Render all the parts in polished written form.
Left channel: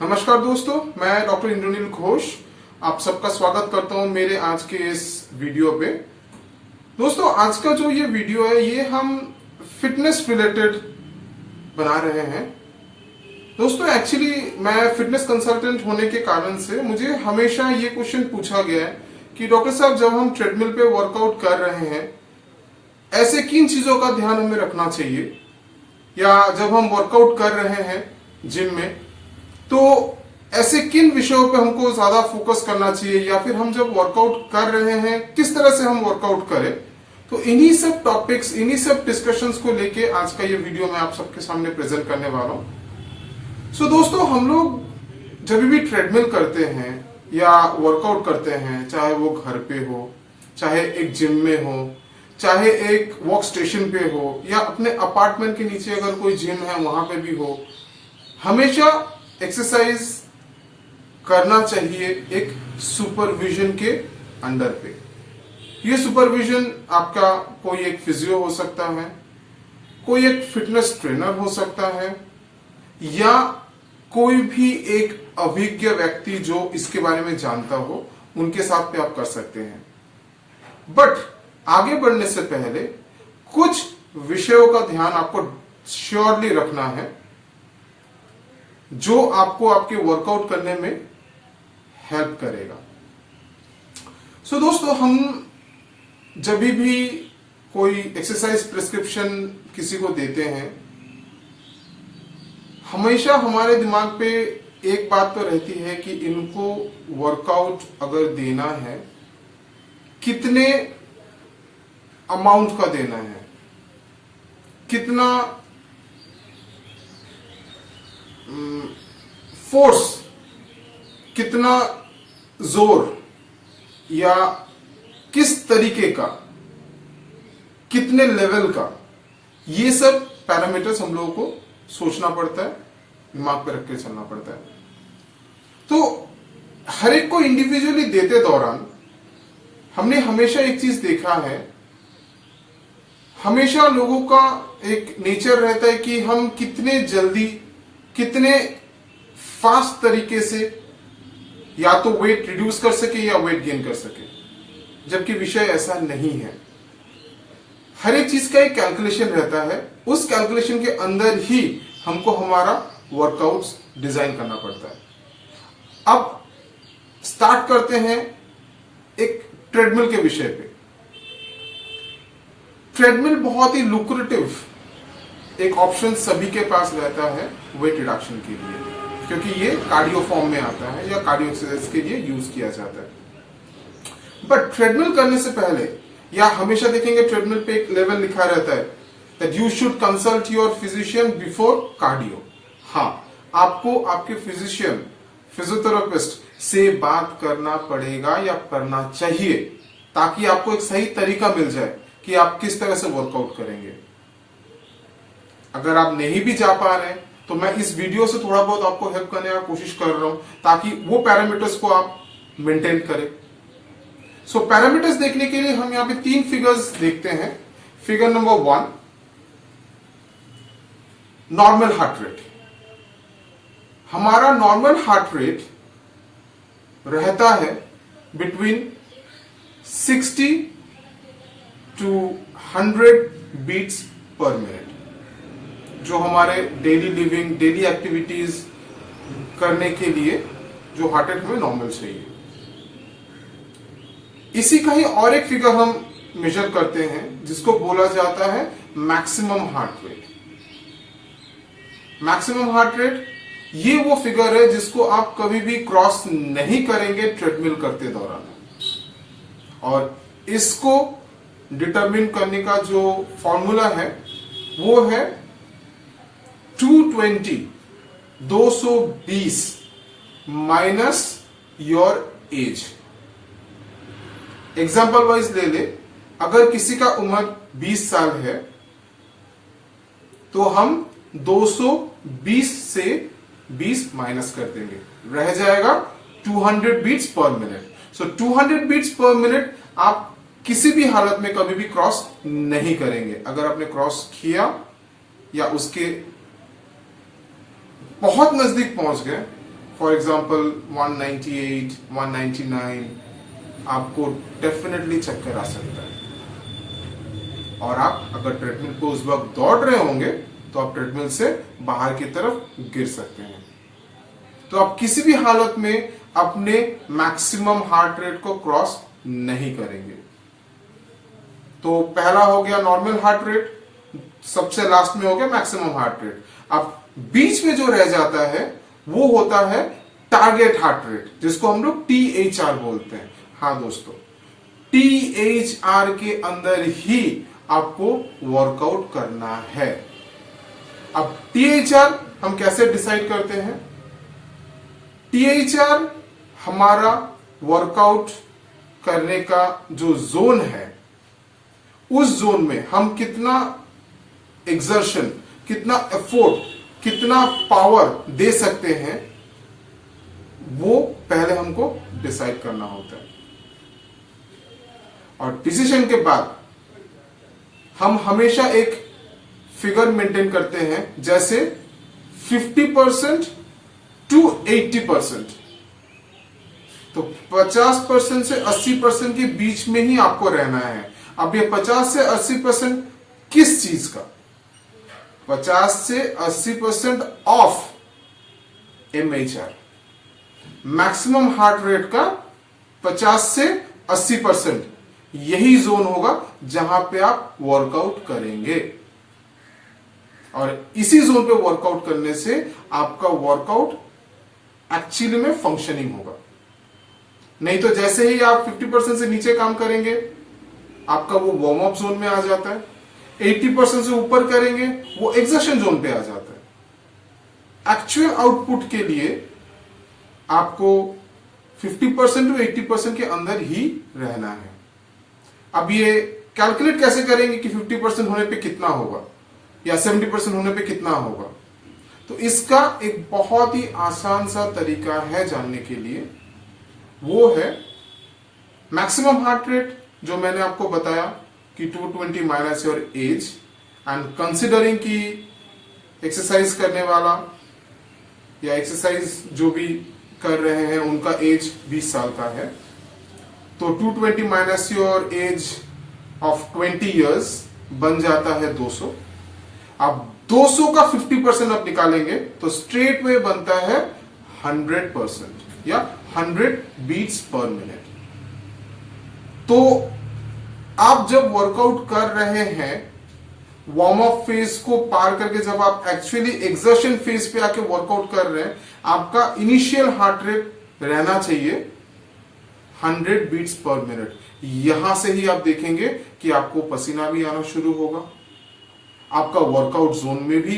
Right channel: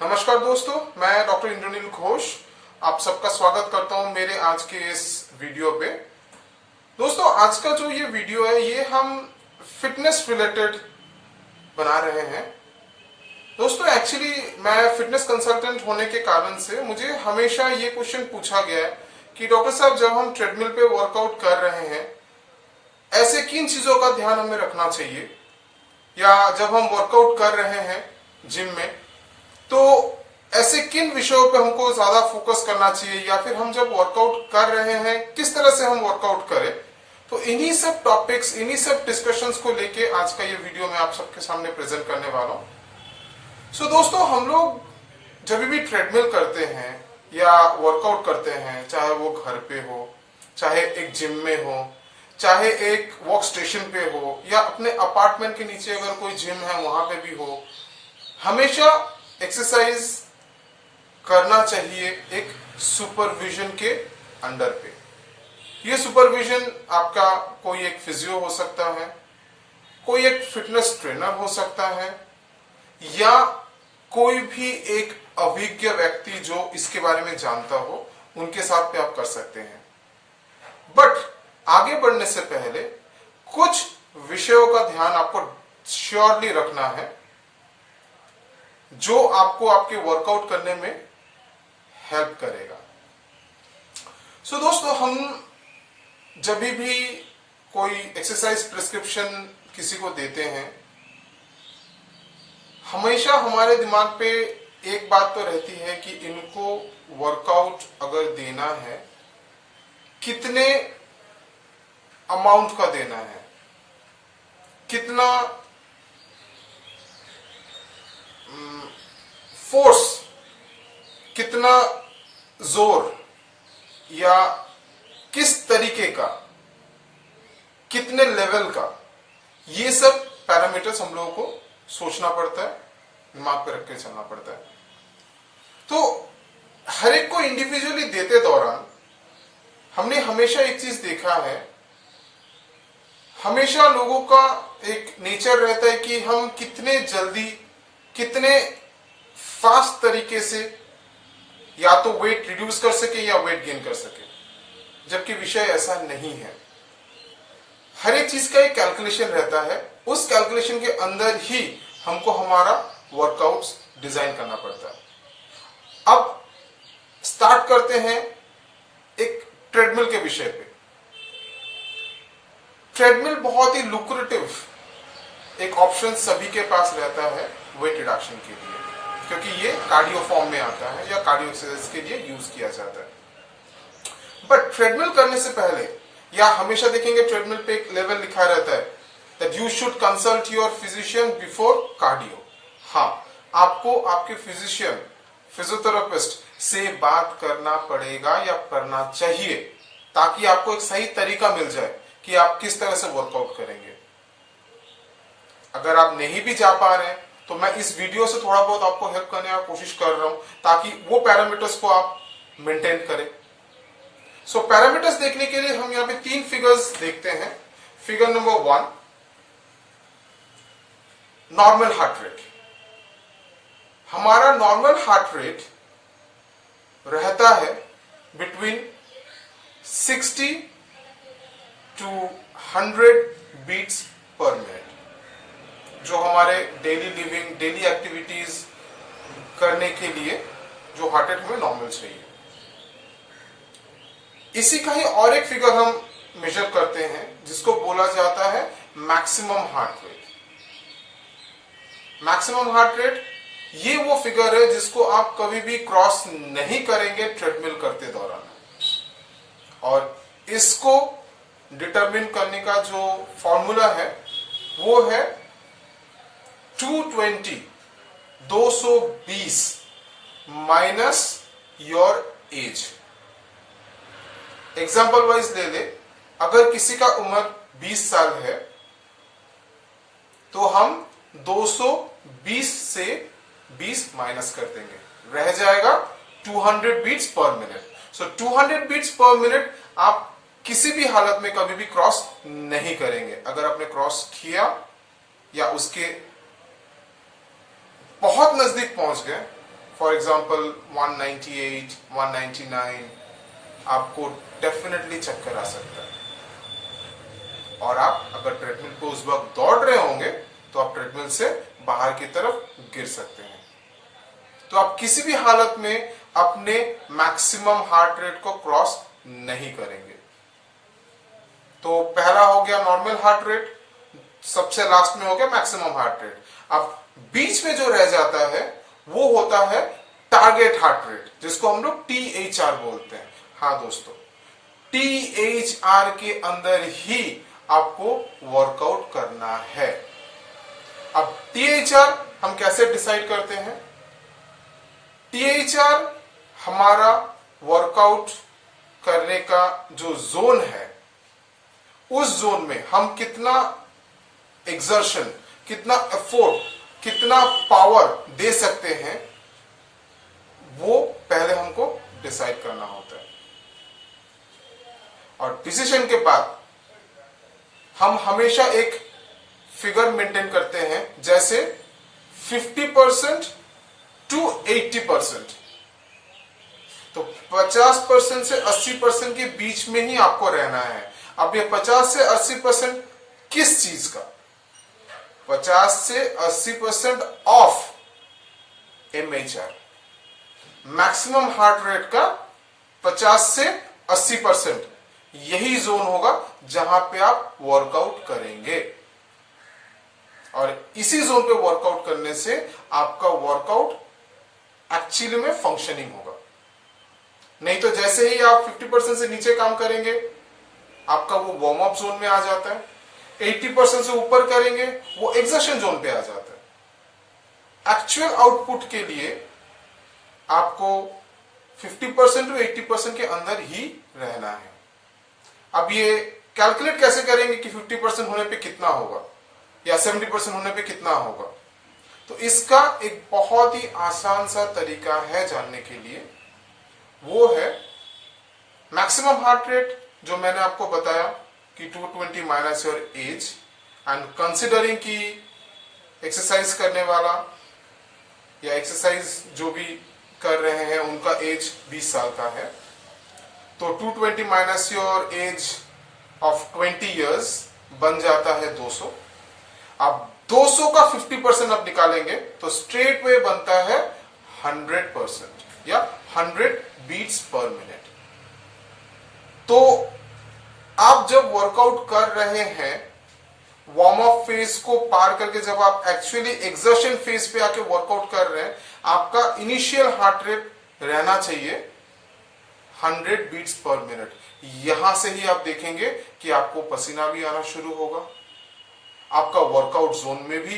नमस्कार दोस्तों, मैं डॉक्टर इंद्रनील घोष आप सबका स्वागत करता हूं मेरे आज के इस वीडियो पे। दोस्तों, आज का जो ये वीडियो है ये हम फिटनेस रिलेटेड बना रहे हैं। दोस्तों, एक्चुअली मैं फिटनेस कंसल्टेंट होने के कारण से मुझे हमेशा ये क्वेश्चन पूछा गया है कि डॉक्टर साहब, जब हम ट्रेडमिल पे वर्कआउट कर रहे हैं ऐसे किन चीजों का ध्यान हमें रखना चाहिए, या जब हम वर्कआउट कर रहे हैं जिम में तो ऐसे किन विषयों पे हमको ज्यादा फोकस करना चाहिए, या फिर हम जब वर्कआउट कर रहे हैं किस तरह से हम वर्कआउट करें। तो इन्हीं सब टॉपिक्स, इन्हीं सब डिस्कशंस को लेके आज का ये वीडियो मैं आप सबके सामने प्रेजेंट करने वाला हूं। सो दोस्तों, हम लोग जब भी ट्रेडमिल करते हैं या वर्कआउट करते हैं, चाहे वो घर पे हो, चाहे एक जिम में हो, चाहे एक वर्क स्टेशन पे हो, या अपने अपार्टमेंट के नीचे अगर कोई जिम है वहां पे भी हो, हमेशा एक्सरसाइज करना चाहिए एक सुपरविजन के अंडर पे। ये सुपरविजन आपका कोई एक फिजियो हो सकता है, कोई एक फिटनेस ट्रेनर हो सकता है, या कोई भी एक अभिज्ञ व्यक्ति जो इसके बारे में जानता हो उनके साथ पे आप कर सकते हैं। बट आगे बढ़ने से पहले कुछ विषयों का ध्यान आपको श्योरली रखना है जो आपको आपके वर्कआउट करने में हेल्प करेगा। सो दोस्तों, हम जब भी कोई एक्सरसाइज प्रिस्क्रिप्शन किसी को देते हैं, हमेशा हमारे दिमाग पे एक बात तो रहती है कि इनको वर्कआउट अगर देना है, कितने अमाउंट का देना है, कितना फोर्स, कितना जोर, या किस तरीके का, कितने लेवल का, ये सब पैरामीटर्स हम लोगों को सोचना पड़ता है, दिमाग पे रख के चलना पड़ता है। तो हर एक को इंडिविजुअली देते दौरान हमने हमेशा एक चीज देखा है, हमेशा लोगों का एक नेचर रहता है कि हम कितने जल्दी, कितने फास्ट तरीके से या तो वेट रिड्यूस कर सके या वेट गेन कर सके, जबकि विषय ऐसा नहीं है। हर एक चीज का एक कैलकुलेशन रहता है, उस कैलकुलेशन के अंदर ही हमको हमारा वर्कआउट डिजाइन करना पड़ता है। अब स्टार्ट करते हैं एक ट्रेडमिल के विषय पे। ट्रेडमिल बहुत ही लुक्रेटिव एक ऑप्शन सभी के पास रहता है वेट रिडक्शन के लिए, क्योंकि ये कार्डियो फॉर्म में आता है या कार्डियो एक्सरसाइज के लिए यूज किया जाता है। बट ट्रेडमिल करने से पहले, या हमेशा देखेंगे ट्रेडमिल पे एक लेवल लिखा रहता है that you should consult your physician before cardio. हाँ, आपको आपके फिजिशियन, फिजियोथेरेपिस्ट से बात करना पड़ेगा या करना चाहिए, ताकि आपको एक सही तरीका मिल जाए कि आप किस तरह से वर्कआउट करेंगे। अगर आप नहीं भी जा पा रहे हैं तो मैं इस वीडियो से थोड़ा बहुत आपको हेल्प करने की कोशिश कर रहा हूं, ताकि वो पैरामीटर्स को आप मेंटेन करें। सो पैरामीटर्स देखने के लिए हम यहां पे 3 फिगर्स देखते हैं। Figure number 1, normal heart rate. हमारा नॉर्मल हार्ट रेट रहता है between 60 to 100 beats per minute, जो हमारे डेली लिविंग, डेली एक्टिविटीज करने के लिए जो हार्ट रेट हमें नॉर्मल चाहिए। इसी का ही और एक फिगर हम मेजर करते हैं जिसको बोला जाता है maximum heart rate. Maximum heart rate ये वो फिगर है जिसको आप कभी भी क्रॉस नहीं करेंगे ट्रेडमिल करते दौरान, और इसको डिटरमिन करने का जो फॉर्मूला है वो है 220 minus your age. Example wise ले ले, अगर किसी का उम्र 20 साल है तो हम 220 से 20 माइनस कर देंगे, रह जाएगा 200 बीट्स पर मिनट। सो 200 बीट्स पर मिनट आप किसी भी हालत में कभी भी क्रॉस नहीं करेंगे। अगर आपने क्रॉस किया या उसके बहुत नजदीक पहुंच गए, फॉर एग्जाम्पल 198, 199, आपको डेफिनेटली चक्कर आ सकता है। और आप अगर ट्रेडमिल पे उस वक्त दौड़ रहे होंगे तो आप ट्रेडमिल से बाहर की तरफ गिर सकते हैं। तो आप किसी भी हालत में अपने मैक्सिमम हार्ट रेट को क्रॉस नहीं करेंगे। तो पहला हो गया नॉर्मल हार्ट रेट, सबसे लास्ट में हो गया मैक्सिमम हार्ट रेट। अब बीच में जो रह जाता है वो होता है टारगेट हार्ट रेट, जिसको हम लोग THR बोलते हैं। हाँ दोस्तों, THR के अंदर ही आपको वर्कआउट करना है। अब THR हम कैसे डिसाइड करते हैं? THR हमारा वर्कआउट करने का जो जोन है, उस जोन में हम कितना एक्सर्शन, कितना एफोर्ट, कितना पावर दे सकते हैं, वो पहले हमको डिसाइड करना होता है। और डिसीजन के बाद हम हमेशा एक फिगर मेंटेन करते हैं, जैसे 50% टू 80%। तो 50% से 80% के बीच में ही आपको रहना है। अब ये 50 से 80% किस चीज का? 50 से 80% of MHR, maximum heart rate का 50 से 80%, यही जोन होगा जहां पे आप वर्कआउट करेंगे। और इसी जोन पे वर्कआउट करने से आपका वर्कआउट एक्चुअली में फंक्शनिंग होगा। नहीं तो जैसे ही आप 50% से नीचे काम करेंगे, आपका वो वार्म अप जोन में आ जाता है। 80% से ऊपर करेंगे, वो एक्सर्शन जोन पे आ जाता है। एक्चुअल आउटपुट के लिए आपको 50% टू 80% के अंदर ही रहना है। अब ये कैलकुलेट कैसे करेंगे कि 50% होने पे कितना होगा या 70% होने पे कितना होगा? तो इसका एक बहुत ही आसान सा तरीका है जानने के लिए, वो है मैक्सिमम हार्ट रेट, जो मैंने आपको बताया कि 220 minus your age, and considering कि एक्सरसाइज करने वाला या एक्सरसाइज जो भी कर रहे हैं उनका एज 20 साल का है, तो 220 minus your age of 20 years बन जाता है 200। अब 200 का 50% आप निकालेंगे तो स्ट्रेट वे बनता है 100% या 100 बीट्स पर मिनट। तो आप जब वर्कआउट कर रहे हैं, वार्म अप फेज को पार करके जब आप एक्चुअली एक्सर्शन फेज पे आके वर्कआउट कर रहे हैं, आपका इनिशियल हार्ट रेट रहना चाहिए 100 बीट्स पर मिनट। यहां से ही आप देखेंगे कि आपको पसीना भी आना शुरू होगा, आपका वर्कआउट जोन में भी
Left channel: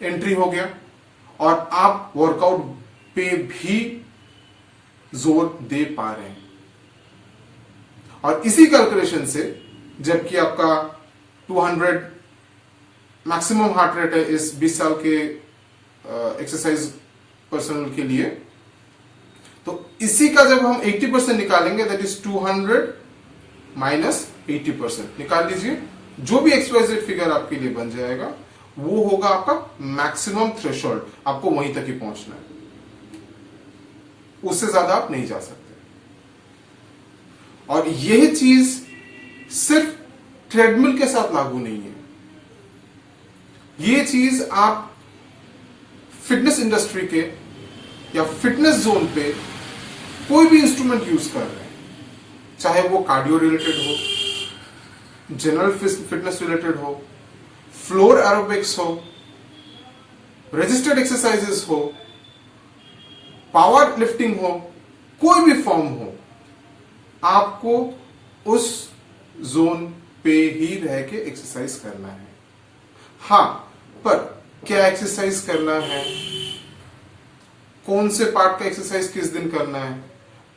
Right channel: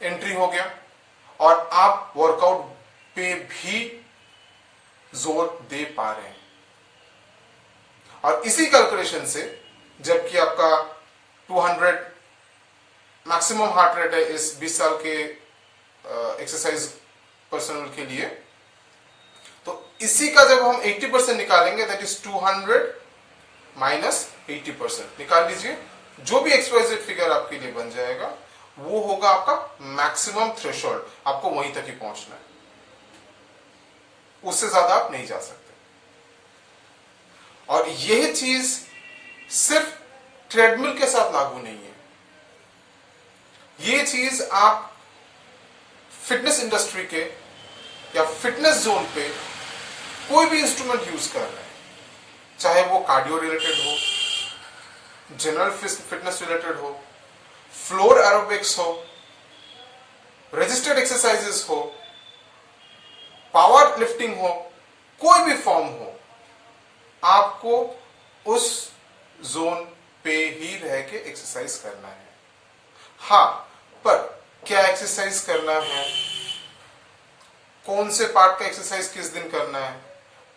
एंट्री हो गया और आप वर्कआउट पे भी जोर दे पा रहे हैं। और इसी कैलकुलेशन से, जबकि आपका 200 मैक्सिमम हार्ट रेट है इस 20 साल के एक्सरसाइज पर्सनल के लिए, तो इसी का जब हम 80% निकालेंगे, दैट इज 200 माइनस 80%, निकाल लीजिए। जो भी XYZ फिगर आपके लिए बन जाएगा वो होगा आपका मैक्सिमम थ्रेशोल्ड। आपको वहीं तक ही पहुंचना है, उससे ज्यादा आप नहीं जा सकते। और यह चीज सिर्फ ट्रेडमिल के साथ लागू नहीं है, ये चीज आप फिटनेस इंडस्ट्री के या फिटनेस जोन पे कोई भी इंस्ट्रूमेंट यूज कर रहे हैं, चाहे वो कार्डियो रिलेटेड हो, जनरल फिटनेस रिलेटेड हो, फ्लोर एरोबिक्स हो, रजिस्टर्ड एक्सरसाइजेस हो, पावर लिफ्टिंग हो, कोई भी फॉर्म हो, आपको उस जोन पे ही रह के एक्सरसाइज करना है। हां, पर क्या एक्सरसाइज करना है, कौन से पार्ट का एक्सरसाइज किस दिन करना है,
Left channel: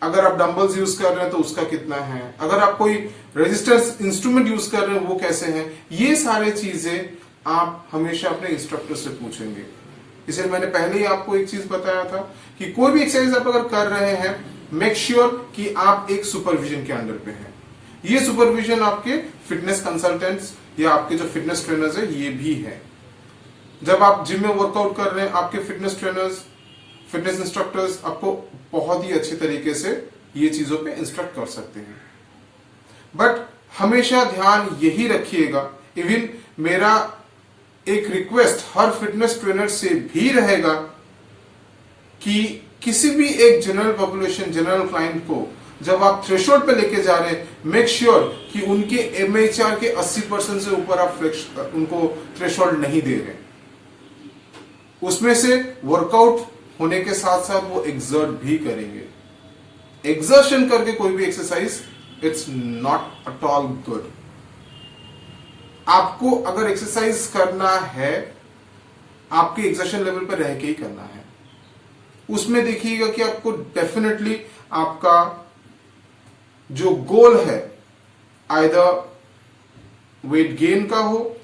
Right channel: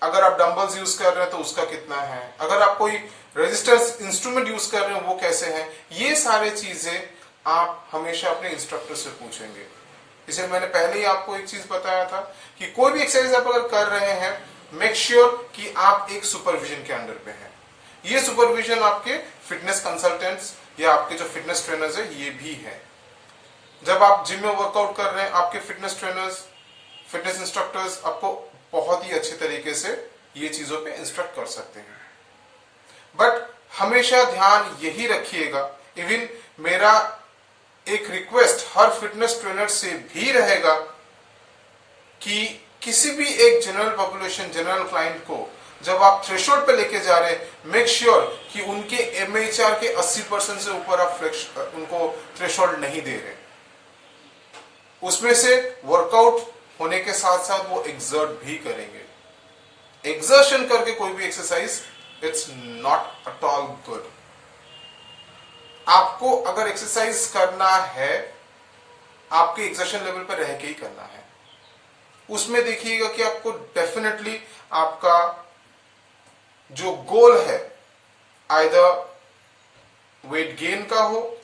अगर आप डंबल्स यूज कर रहे हैं तो उसका कितना है, अगर आप कोई रेजिस्टेंस इंस्ट्रूमेंट यूज कर रहे हैं वो कैसे हैं, ये सारे चीजें आप हमेशा अपने इंस्ट्रक्टर से पूछेंगे। इसलिए मैंने पहले ही आपको एक चीज बताया था कि कोई भी एक्सरसाइज आप अगर कर रहे हैं, मेक श्योर कि आप एक सुपरविजन के अंडर पे हैं। ये सुपरविजन आपके फिटनेस कंसल्टेंट्स या आपके जो फिटनेस ट्रेनर्स है ये भी है। जब आप जिम में वर्कआउट कर रहे हैं, आपके फिटनेस ट्रेनर्स, फिटनेस इंस्ट्रक्टर्स आपको बहुत ही अच्छे तरीके से ये चीजों पे इंस्ट्रक्ट कर सकते हैं। बट हमेशा ध्यान यही रखिएगा, इवन मेरा एक रिक्वेस्ट हर फिटनेस ट्रेनर से भी रहेगा कि किसी भी एक जनरल पॉपुलेशन, जनरल क्लाइंट को जब आप थ्रेशोल्ड पे लेके जा रहे हैं, मेक श्योर कि उनके एमएचआर के 80% से ऊपर आप उनको थ्रेशोल्ड नहीं दे रहे। उसमें से वर्कआउट होने के साथ साथ वो एक्सर्ट भी करेंगे। एक्सर्शन करके कोई भी exercise it's not at all good. आपको अगर एक्सरसाइज करना है, आपके एक्सर्शन लेवल पर रह के ही करना है। उसमें देखिएगा कि आपको डेफिनेटली आपका जो गोल है आइदर वेट गेन का हो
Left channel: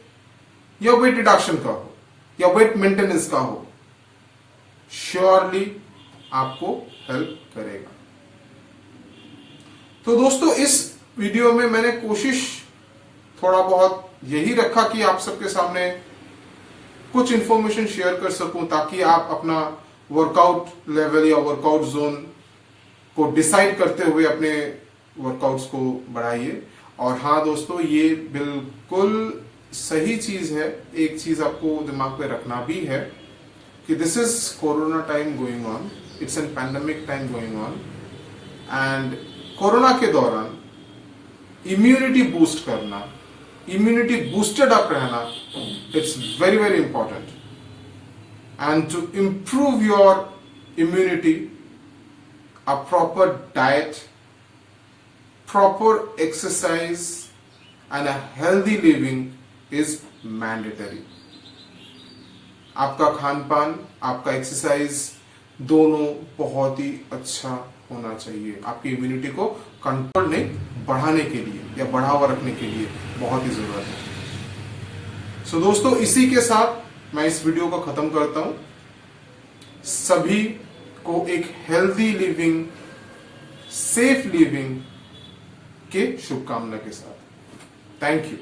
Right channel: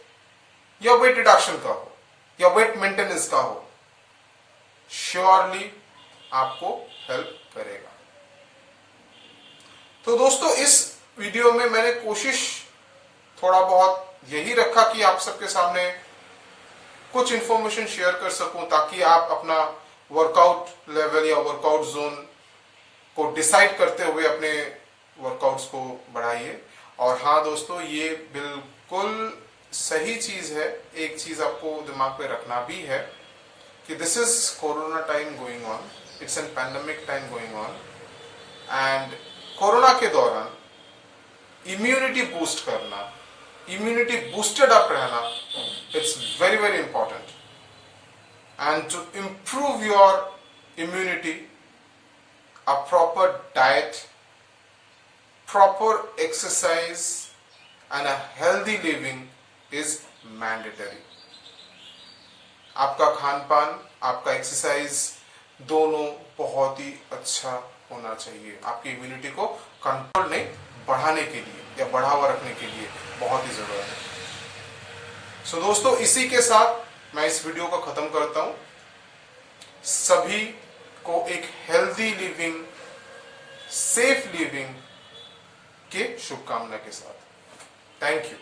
या वेट रिडक्शन का हो या वेट मेंटेनेंस का हो, श्योरली आपको हेल्प करेगा। तो दोस्तों, इस वीडियो में मैंने कोशिश थोड़ा बहुत यही रखा कि आप सबके सामने कुछ इंफॉर्मेशन शेयर कर सकूं, ताकि आप अपना वर्कआउट लेवल या वर्कआउट जोन को डिसाइड करते हुए अपने वर्कआउट्स को बढ़ाइए। और हाँ दोस्तों, ये बिल्कुल सही चीज है। एक चीज आपको दिमाग पे रखना भी है कि this is corona time going on, it's an pandemic time going on, and corona के दौरान इम्यूनिटी बूस्ट करना, इम्यूनिटी बूस्टेड अप रहना, it's very very important. And to improve your immunity, a proper diet, proper exercise and a healthy living is mandatory. आपका खान पान, आपका exercise दोनों बहुत ही अच्छा होना चाहिए। आपकी इम्यूनिटी को कंट्रोल नहीं, बढ़ाने के लिए या बढ़ावा रखने के लिए बहुत ही जरूरत है। सो दोस्तों, इसी के साथ मैं इस वीडियो को खत्म करता हूं। सभी को एक हेल्दी लिविंग, सेफ लिविंग के शुभकामना के साथ। Thank you.